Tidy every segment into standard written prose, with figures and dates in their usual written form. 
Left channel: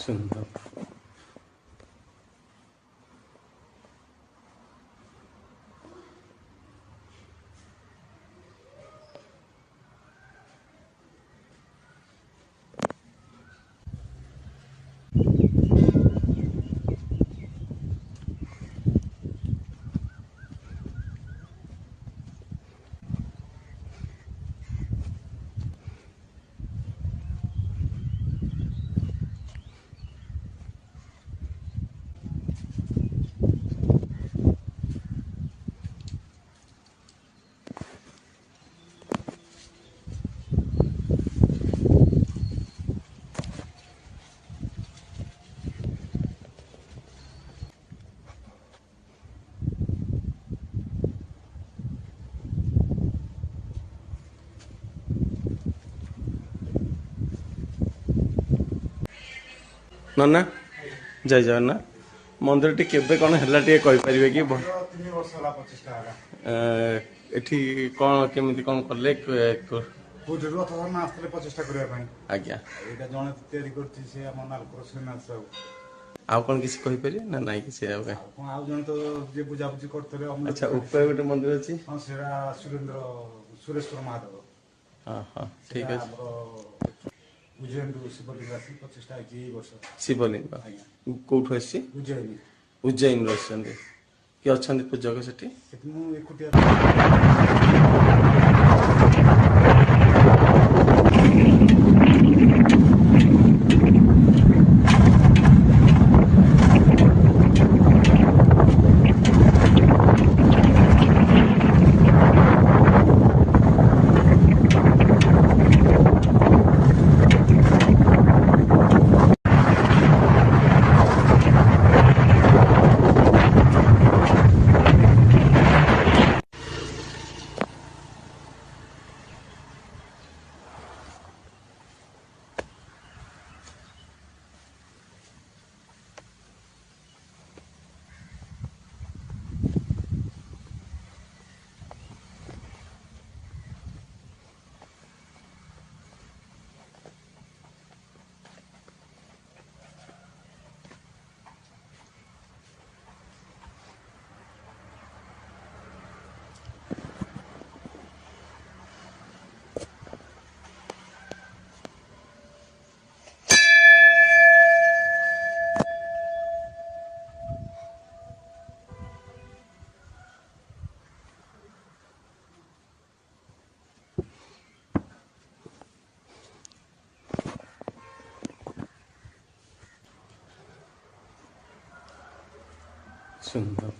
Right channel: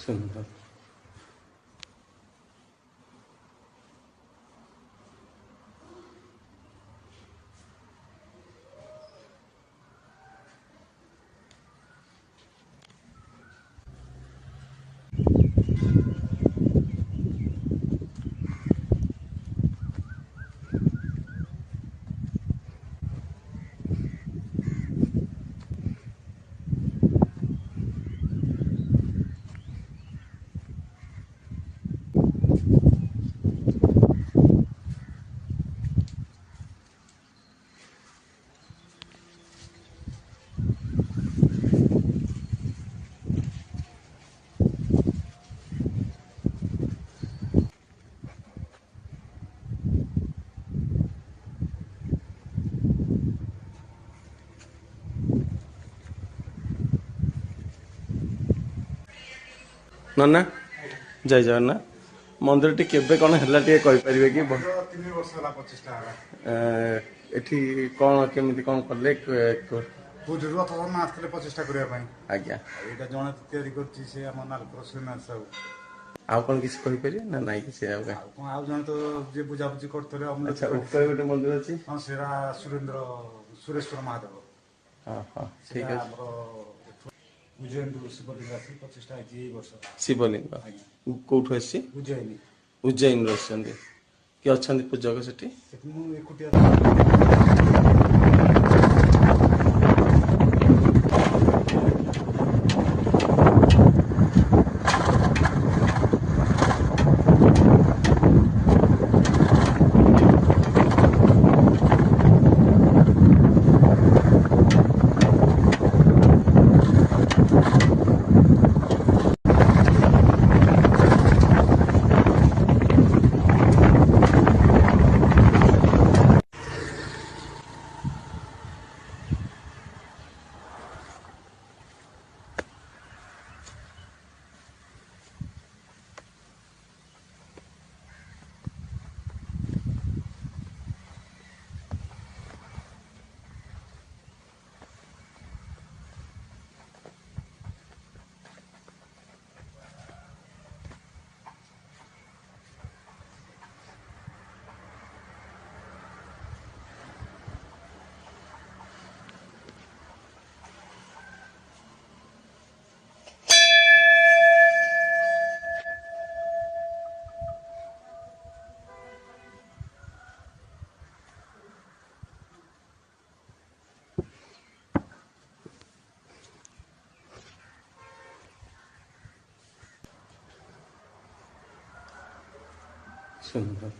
सुंदर। नन्ना जय जगन्नाथ मंदिर टी केबे कौन हैला टी कहि परिबे कि 3 वर्ष होला 25 टा होला एठी कौन केमिति कौन करले पूजरू अथवा आसले 25 टा करिया पई आज्ञा एटा जणे तयारी करछि से हम नालपुर श्रीनाथ साहू आउ कौन किसी कहि परिबे ना नाही किसी आउ कोन आउ जणे तो जे बुझा बुझी करतले हम अच्छा ऊपर गोटे मंदिर अछि हां सेरा सुरेश्वर महादेव हां हां ठीक है उज्जैन शिवलिंग राशि 25 टा आई वर्ष शिवलिंग कोठु अछि उज्जैन उज्जैन रछन्ते कि अछन्ते पूजक सेठी मु एकुटिया सुंदर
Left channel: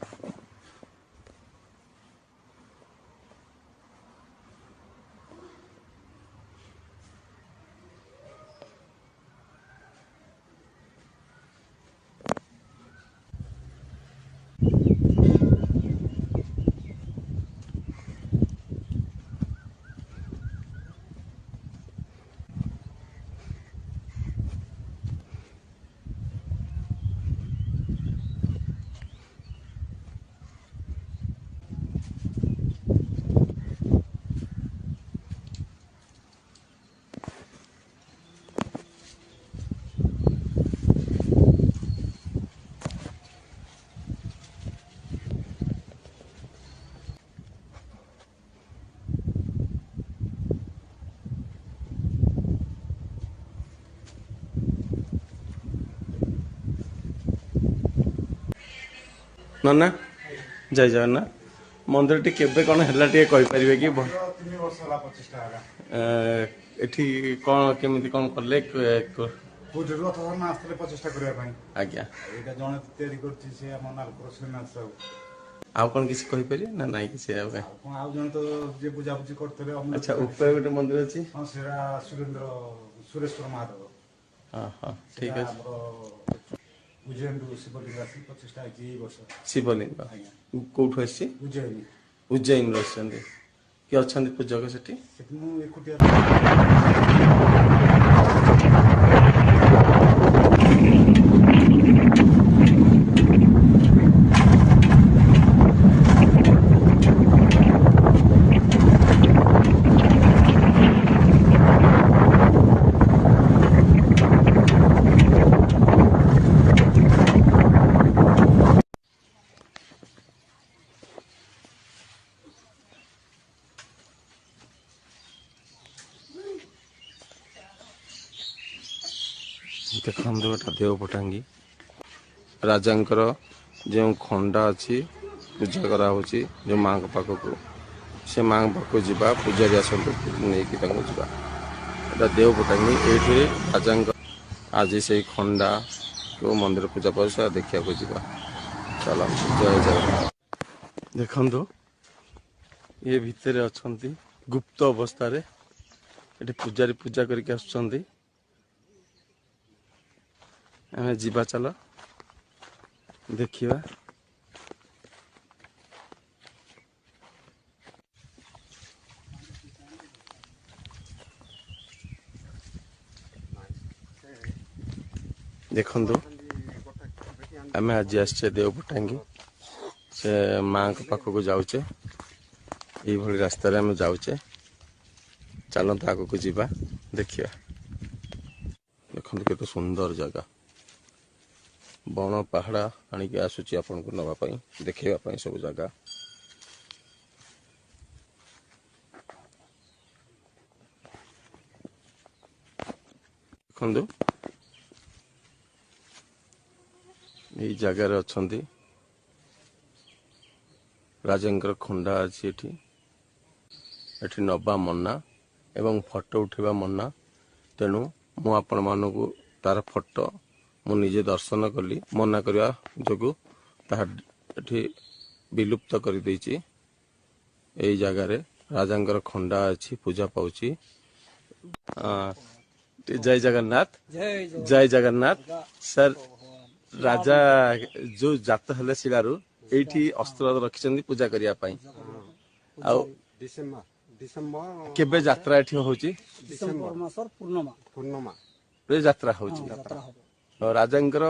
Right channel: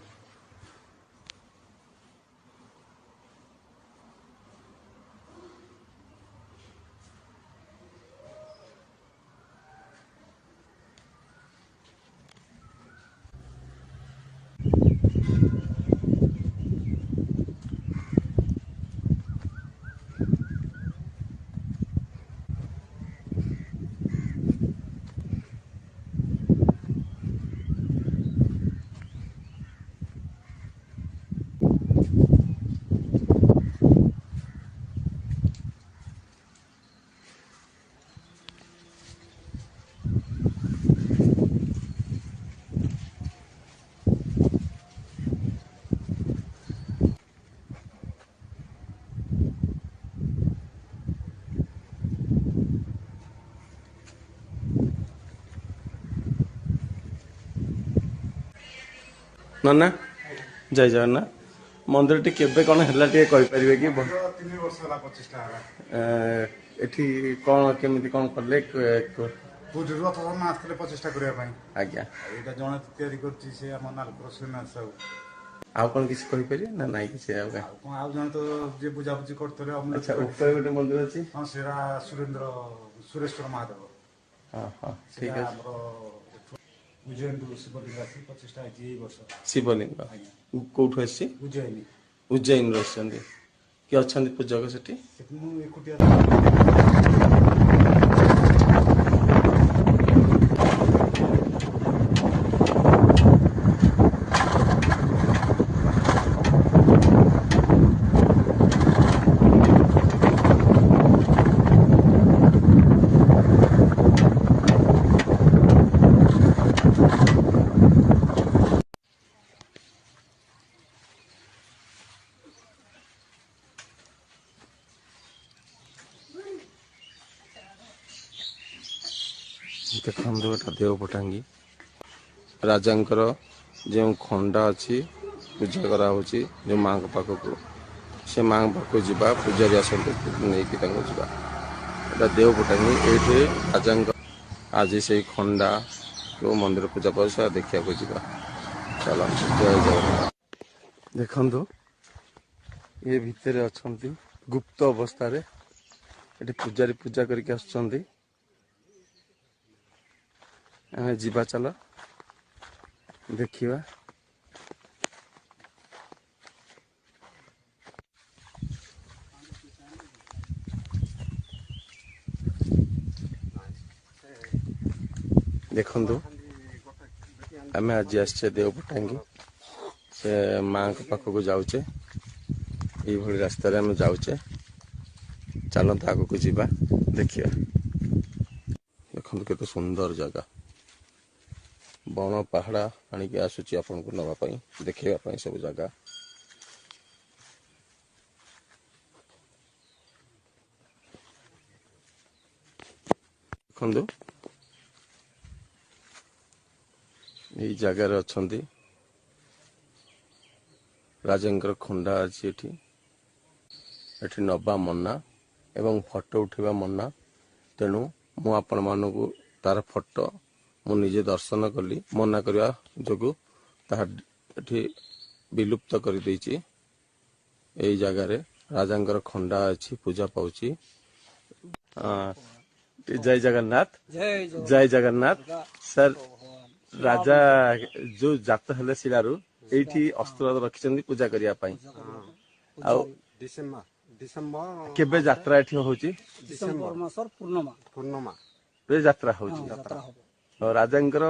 नन्ना जय जगन्नाथ मंदिर टी केबे कौन हैला टी कहि परिबे कि 3 वर्ष होला 25 टा होला एठी कौन केमिति कौन करले पूजरू अथवा आसले 25 टा करिया पई आज्ञा एटा जणे तयारी करछि से हम नालपुर श्रीनाथ साहू आउ कौन किसी कहि परिबे ना नाही किसी आउ कोन आउ जणे तो जे बुझा बुझी करतले हम अच्छा ऊपर गोटे मंदिर अछि हां सेरा सुरेश्वर महादेव हां हां ठीक है उज्जैन शिवलिंग राशि 25 टा आई वर्ष शिवलिंग कोठु अछि उज्जैन उज्जैन रछन्ते कि अछन्ते पूजक सेठी मु एकुटिया ଦେଖନ୍ତୁ ଏଟା ଦେଓପଟାଙ୍ଗୀ ରାଜାଙ୍କର ଯେଉଁ ଖଣ୍ଡା ଅଛି ପୂଜା କରାହେଉଛି ଯେଉଁ ମାଙ୍କ ପାଖକୁ ସେ ମାଙ୍କ ପାଖକୁ ଯିବା ପୂଜାରୀ ଆସନ୍ତୁ ନେଇକି ତାଙ୍କୁ ଯିବା। ଏଟା ଦେଓପଟାଙ୍ଗୀ ଏଇଠି ରାଜାଙ୍କ ଆଜି ସେଇ ଖଣ୍ଡା କେଉଁ ମନ୍ଦିର ପୂଜା ପାଉଛି ସେଟା ଦେଖିବାକୁ ଯିବା। ଚାଲନ୍ତୁ ଜୟ ଜଗନ୍ନାଥ। ଦେଖନ୍ତୁ ଏ ଭିତରେ ଅଛନ୍ତି ଗୁପ୍ତ ଅବସ୍ଥାରେ ଏଠି ପୂଜାରୀ ପୂଜା କରିକି ଆସୁଛନ୍ତି। ଆମେ ଯିବା ଚାଲ ଦେଖିବା। ଦେଖନ୍ତୁ ଆମେ ଆଜି ଆସିଛେ ଦେଓପଟାଙ୍ଗୀ ସେ ମାଙ୍କ ପାଖକୁ ଯାଉଛେ। ଏଇଭଳି ରାସ୍ତାରେ ଆମେ ଯାଉଛେ। ଚାଲନ୍ତୁ ଆଗକୁ ଯିବା ଦେଖିବା। ଦେଖନ୍ତୁ କେତେ ସୁନ୍ଦର ଜାଗା ବଣ ପାହାଡ଼ ଆଣିକି ଆସୁଛି ଆପଣଙ୍କୁ ନେବା ପାଇଁ ଦେଖେଇବା ପାଇଁ ସବୁ ଜାଗା। ଦେଖନ୍ତୁ ଏଇ ଜାଗାରେ ଅଛନ୍ତି ରାଜାଙ୍କର ଖଣ୍ଡା ଅଛି ଏଠି। ଏଠି ନବା ମନା ଏବଂ ଫଟୋ ଉଠେଇବା ମନା। ତେଣୁ ମୁଁ ଆପଣମାନଙ୍କୁ ତାର ଫଟୋ ମୁଁ ନିଜେ ଦର୍ଶନ କଲି ମନା କରିବା ଯୋଗୁଁ ତାହା ଏଠି ବିଲୁପ୍ତ କରିଦେଇଛି। ଏଇ ଜାଗାରେ ରାଜାଙ୍କର ଖଣ୍ଡା ଅଛି ପୂଜା ପାଉଛି। ଜୟ ଜଗନ୍ନାଥ। ଜୟ ଜଗନ୍ନାଥ ସାର୍। ରାଜା ଯୋଉ ଜାତ ହେଲେ ଶିଳାରୁ ଏଇଠି ଅସ୍ତ୍ର ରଖିଛନ୍ତି ପୂଜା କରିବା ପାଇଁ। ଆଉ ଡିସେମ୍ବର କେବେ ଯାତ୍ରା ଏଠି ହଉଛି? ଡିସେମ୍ବର ମାସର ପୂର୍ଣ୍ଣମା ଯାତ୍ରା ହଉଛି। ରାଜାଙ୍କର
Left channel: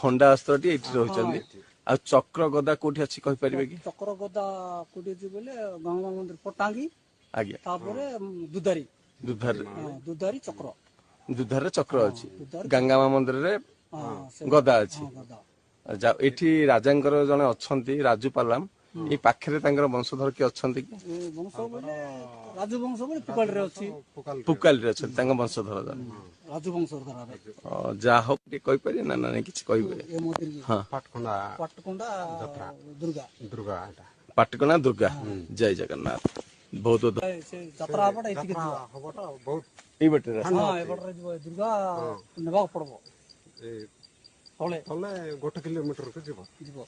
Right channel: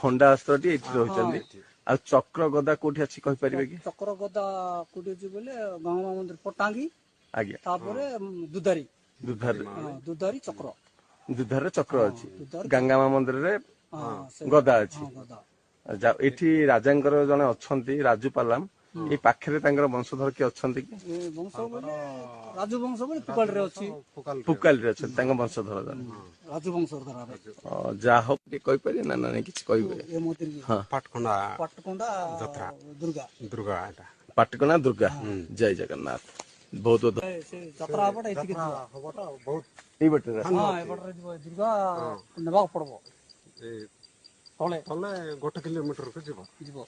ଖଣ୍ଡା ଅସ୍ତ୍ରଟି ଏଇଠି ରହୁଛନ୍ତି। ଆଉ ଚକ୍ର ଗଦା କୋଉଠି ଅଛି କହିପାରିବେ କି? ଚକ୍ର ଗଦା କୋଉଠି ଅଛି ବୋଲେ ଗଙ୍ଗା ମନ୍ଦିର ପଟାଙ୍ଗୀ। ଆଜ୍ଞା। ତାପରେ ଦୁଧାରୀ ଚକ୍ର। ଦୁଧାରରେ ଚକ୍ର ଅଛି। ଗଙ୍ଗାମା ମନ୍ଦିରରେ ଗଦା ଅଛି। ଏଠି ରାଜାଙ୍କର ଜଣେ ଅଛନ୍ତି ରାଜୁପାଲାମ। ଏଇ ପାଖରେ ତାଙ୍କର ବଂଶଧର କିଏ ଅଛନ୍ତି କି? ବଂଶ ବୋଲେ ରାଜୁ ବଂଶ ବୋଲେ ପୁକାଳିରେ ଅଛି। ପୁକାଲିରେ ଅଛନ୍ତି ତାଙ୍କ ବଂଶଧର ଜଣେ ରାଜୁ ବଂଶ ଯାହା ହଉ ଟିକେ କହିପାରିବେ ନା ନାଇଁ କିଛି କହିବେ? ହଁ ପାଟକୁଣ୍ଡା ଦୁର୍ଗା ପାଟକୁଣ୍ଡା ଦୁର୍ଗା। ଜୟ ଜଗନ୍ନାଥ। ବହୁତ ବହୁତ ଯାତ୍ରା ହବଟା ଏତିକି ଏଇ ବାଟରେ ଦୁର୍ଗା ନେବାକୁ ପଡବ। ତଳେ 1 କିଲୋମିଟରକୁ ଯିବ।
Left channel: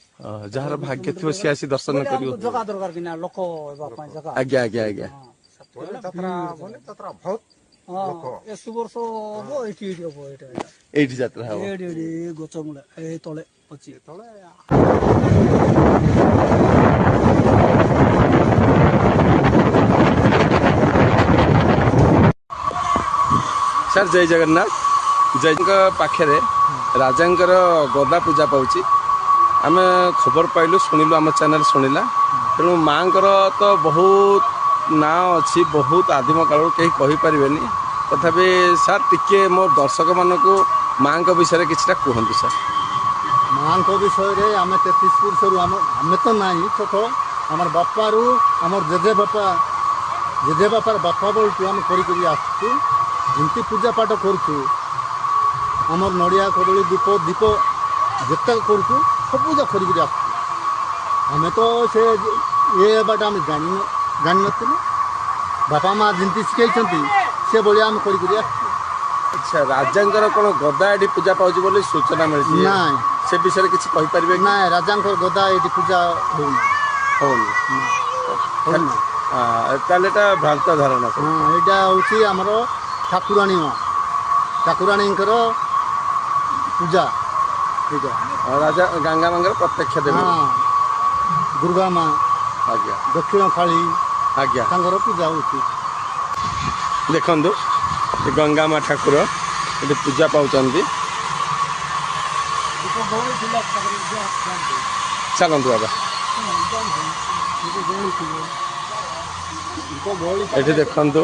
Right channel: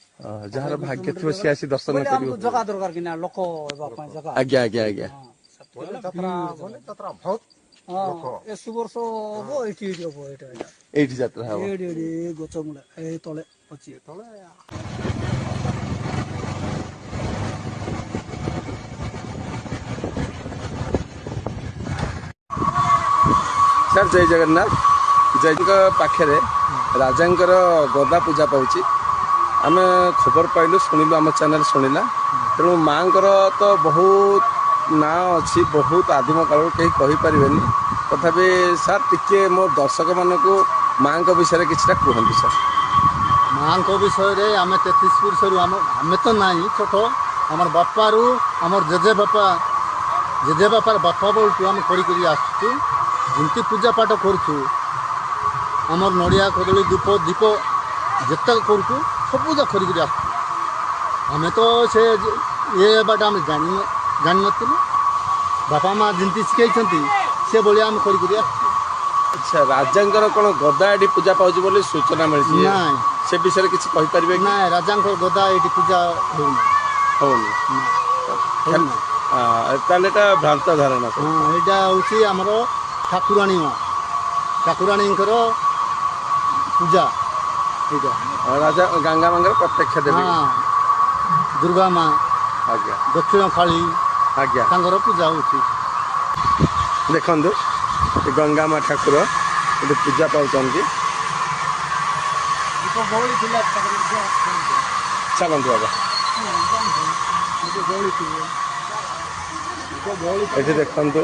ଯାହାର ଭାଗ୍ୟ ଥିବ ସିଏ ଆସି ଦର୍ଶନ କରିବ। ଜଗା ଦରକାର କି ନା ଲୋକ ହେବା ପାଇଁ ଜଗା। ଆଜ୍ଞା ଆଜ୍ଞା ଆଜ୍ଞା। ଯାତ୍ରା ବହୁତ ଏସୁ ବର୍ଷ ହବ ଏଇଠି ହବ। ଏଇଠି ଯାତ୍ରା ହବ। ଏଇଠି ଗଛ ମୂଳେ ଏଇ ତଳେ ଅଛି। ସାର୍ ଜୟ ଜଗନ୍ନାଥ। ଜୟଙ୍କ ପାଖରେ ରାଜାଙ୍କର ଗଦା ପୂଜା ପାଉଛି। ଆମେ ଖବର ପାଇଲୁ ଶୁଣିଲୁ ଆମ ଚ୍ୟାନେଲ ଶୁଣିଲା। ତେଣୁ ମାଙ୍କର ତ ବହୁତ ନାଁ ଅଛି ବହୁତ ଆଦିମ କାଳରୁ କେହି କହିପାରିବେନି। ତଥାପି ସାର୍ ଟିକେ ମୋ ଦର୍ଶକ ମାନଙ୍କୁ ମାଙ୍କ ବିଷୟରେ କିଛିଟା କୁହନ୍ତୁ ସାର୍। ମାଙ୍କ ବିଷୟରେ ଆମେ 33 ବର୍ଷରୁ ଆମେ ତ ନାହିଁ ଛୋଟ ଆମର ବାପାରୁ ଆମର ଜେଜେବାପାର ବାପା ବେଳଠୁ ଆମେ କରିକରି ଆସୁଛୁ। ଯେମିତି ପୂଜା ପାଠ କରୁଛୁ ଆମର ନଡ଼ିଆ କଦଳୀ ଧୂପ ଦୀପ ଯେତେ କରୁଛୁ ସବୁ ପୂଜା କରିକରି ଆସୁଛୁ। ଆମେ ତ ସେ ଇଏ ହେବାଟା ଆମେ ଜାଣିନଥିଲୁ। ବାପା ମା ଯେମିତି ଶିଖେଇଛନ୍ତି ସେ ଭଳିଆ ଆମେ କରିକରି ଆସୁଛୁ। ଆଚ୍ଛା ରାଜାଙ୍କର କ'ଣ ଗଦା ଏଠି ପୂଜା ପାଉଛି ବୋଲି ସୂଚନା ମିଳିଛି? ନାଇଁ ସେ ବିଷୟରେ କିଛି କହିପାରିବେ କି? ନାଇଁ ରାଜାଙ୍କର ଗଦା ଏଠି ପୂଜା ହଉନି। ତାହେଲେ ଏଟା ଭ୍ରାନ୍ତ ଧାରଣା। ହଁ ଏଇଟା ହେଉଛି ଆମର ଠାକୁରାଣୀ ମା ଠାକୁରାଣୀଙ୍କର ପୂଜା। ଏଇଟା ରାଜା ଗଙ୍ଗା ମାଙ୍କର ପ୍ରତ୍ୟକ୍ଷ ଦେବୀ। ହଁ ଦୁର୍ଗା ମା ଆଜ୍ଞା ଦକ୍ଷିଣ କାଳୀ ଆଜ୍ଞା ତାଙ୍କର ପୂଜା ହେଉଛି। ଦେଖନ୍ତୁ ଗଙ୍ଗା ମା ଠାକୁର ଏଠି ପୂଜା ପାଉଛନ୍ତି। ଚାଲନ୍ତୁ ବାବା। ଏଠି ଦେଖନ୍ତୁ